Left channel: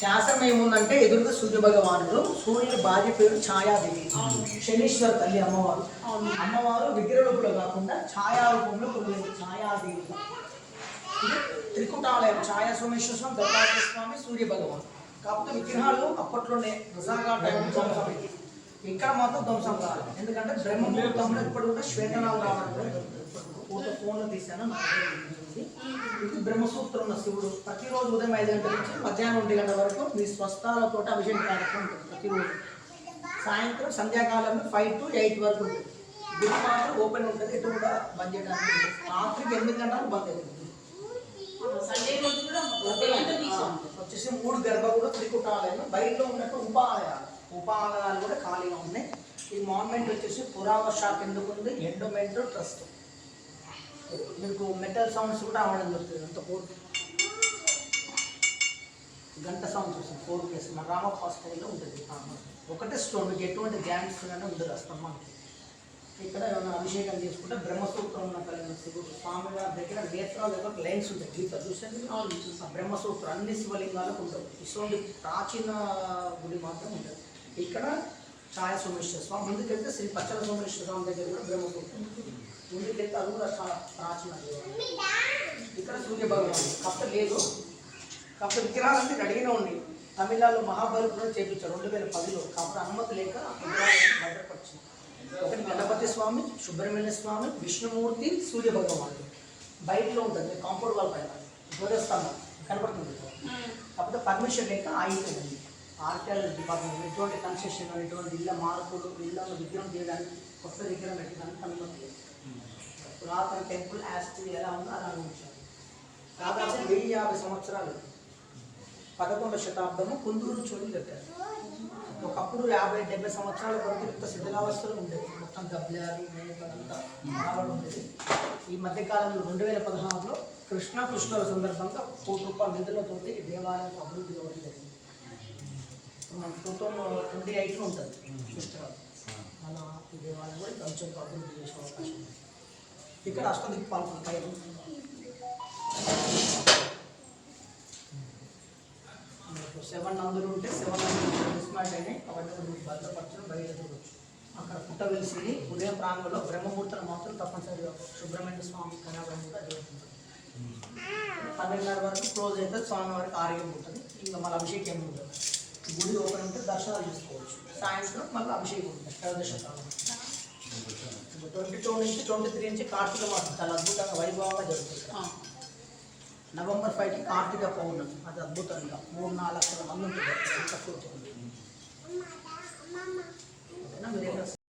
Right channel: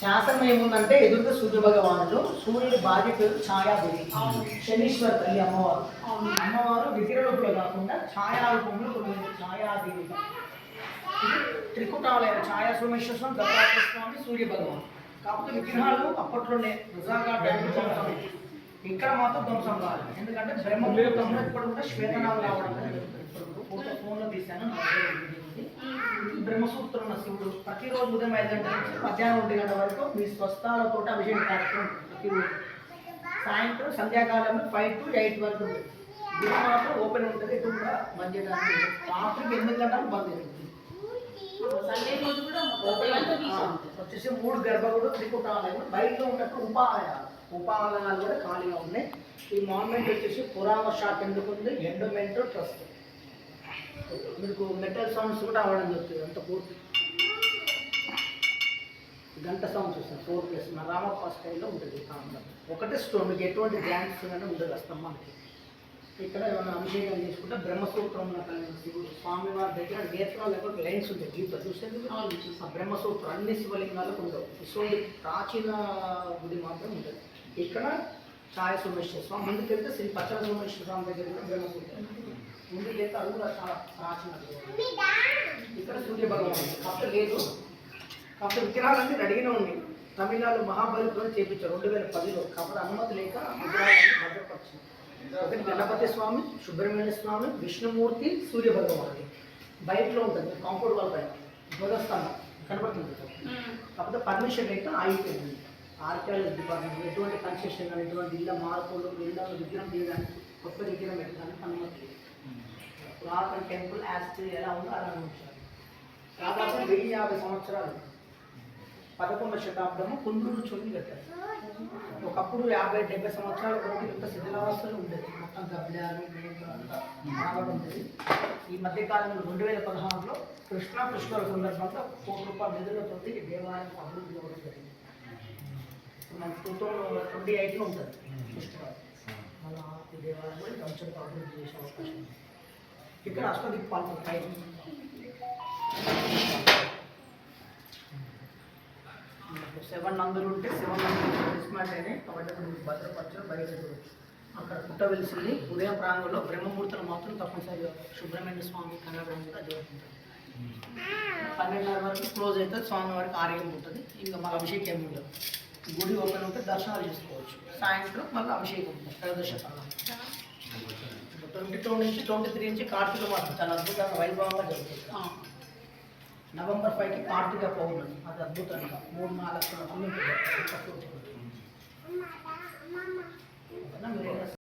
శాసనం ఏముందంటే ఎదురుగా సూర్య భగవానుడు, సూర్యుడి భార్య పేరు ఛాయాదేవి, శనీశ్వర తల్లి అమ్మవారు. అమ్మవారు విగ్రహ రూపంలో కాకుండా ఛాయా రూపంలో కొలువైంది ఛాయాదేవి. ఇది త్రికుటాలైన ఛాయా సోమేశ్వర స్వామి, దత్తాత్రేయ స్వామి, సూర్య భగవాన్. కాకపోతే విగ్రహాలు అప్పట్లోనే నిజంగా టైంలో ధ్వంసం. ఇక్కడ మాత్రం ధ్వంసం కాదు, ఎందుకంటే బ్రహ్మముహూర్తంలో ఇప్పుడు కూడా శ్వేతనాలు రావడం ఫోన్లో తీశాను. ఇది బ్రహ్మసూత్రం ఉన్న శివుడు ప్రతిరోజు ఉదయం 5 గంటల నుంచి మధ్యాహ్నం 1 గంటల వరకు మీ స్వస్థాలతో అభిషేకం కార్యక్రమం ఉంటుంది. ప్రతిరోజు సాయంత్రం సంధ్యాకాలంలో 5 to 8 వరకు ఉంటుంది. గుడి మాత్రం ఓపెన్ ఉంటుంది, ఎటు కూడా బంద్ చేయడానికి ఉంటుంది. రాత్రికి 8 గంటలకు బంద్ అవుతుంది. వచ్చేసి 3 గర్భగుడు, త్రికుటాలయం, బయటలో ఉన్నట్టు ఉపాలయాలు కూడా ఖాళీగా ఉన్నాయి. ఈ మాన్మెంట్ వచ్చేసి పురాణ శాఖ ఎందుకు ఉంది, ఎండోమెంట్ ట్రస్ట్. మీకు మెటల్ సౌండ్స్ కూడా అవ్వడం జరుగుతుంది. అంత పూర్తి గంట సౌండ్స్ వస్తుంది. 4+ మన రామప్ప స్టైల్లో ఉంటుంది. ఒకటే స్టోన్, మీకు ఎటువంటి జాయింట్స్ కానీ ఉండదు ఆ స్తంభానికి. ఇక్కడ ఏమైనా అభిషేకం చేసుకుంటే బ్రహ్మసూత్రం ఉన్న కలిగిన శివుడు స్వామివారి దగ్గర నేత్రాల దగ్గర లైన్స్ ఉంటాయి. గీత చూస్తే ఆ బ్రహ్మసూత్రం అన్ని శివలింగాలకు ఉండవు. ఇటువంటి ప్రాచీన గుడి మాత్రం ఉంటుంది. ఇక్కడ ఛాయ సోమేశ్వర స్వామి, ముందుకెళ్తే శ్రీ పచ్చల సోమేశ్వర స్వామి దగ్గర కూడా బ్రహ్మసూత్రం ముందుకెళ్తే అది కూడా చాలా ప్రాచీన. ఇక్కడ సూర్య భగవాన్ కాకపోతే లేదు, కాకపోతే విగ్రహాలన్నీ రెడీగానే ఉన్నాయి. తమిళనాడు మహాబలిపురం చేపించారు 2010లో. కాబట్టి అనుమతి లేక విగ్రహాలన్నీ భద్రపరిచింది. ఒకటి గణపతి స్వామి, సుబ్రహ్మణ్య స్వామి, విష్ణుమూర్తి, సూర్య భగవానుడు బయటలో ఉంటుంది. కాంపౌండ్ వాల్ పైన ధ్వజస్తంభం కనపడుతుంది. కాకపోతే పర్మిషన్ లేక ఆగిపోయింది. ఆర్కియాలజీ డిపార్ట్మెంట్ ఎటువంటి కన్స్ట్రక్షన్ కానీ ఎటువంటి ఇళ్ళ మార్పులు, ఇళ్ళను విగ్రహం చేయడానికి, కొత్త విగ్రహం పెట్టడానికి అనుమతి లేదు. పురాతన టెంపుల్ యాస్ట్రీ ఎలా ఉందో అలా ఉంచారు. దాదాపు 1050 సంవత్సరాలు 11వ శతాబ్దము కుందూరు చోళి కట్టారు. ఒకప్పుడు 50-70 సంవత్సరాల కొరకు ఇంత శిథిలావస్థలు ఉండేది. మొత్తం గబ్లాలు రావడం ఉండేది. ఈ మధ్యకాలంలో 2016లో కృష్ణాష్టమి సందర్భంగా ₹1 కోటి నిధులతోటి దేవాలయం అభివృద్ధి అవ్వడం జరిగింది. మనకు 2028లో ఉంటుంది పుష్కరాలు. అలా ఈ దేవాలయం కూడా కొంచెం అభివృద్ధి చేసే అవకాశం ఉంది. ఇక్కడ అష్టదిక్పాలకులు పైన 7 నందులు ఉంటే 7 నందులు డిస్మాంట్ అయినాయి. కాబట్టి మీకు భద్రపరచడం బయట చూడవచ్చు. అక్కడ పుట్ట వెలిసింది. ఉదయం ప్రాంగంలో బ్రహ్మముహూర్తం మాత్రం తప్పనిసరిగా సుబ్రహ్మణ్య స్వామి కనబడం కూడా జరుగుతుంది. 12:30 వరకు క్లోజ్ అయితే స్వామి వారికి ఆరోగ్యం ఉంటుంది. ఇంకా మళ్ళీ అభిషేకం ఉండదు. గుడి ఓపెన్ ఉంటే దర్శనాలు చేసుకోవచ్చు. సాయంత్రం మళ్ళీ అభిషేకం ఉంటుంది. 22 నుంచి 23 నుంచి కార్తీక మాసం చాలా అద్భుతంగా వైభవంగా జరుగుతుంది. నవంబర్ 5కి కార్తీక పౌర్ణమి, అది అద్భుతంగా 3-4 లక్షల మంది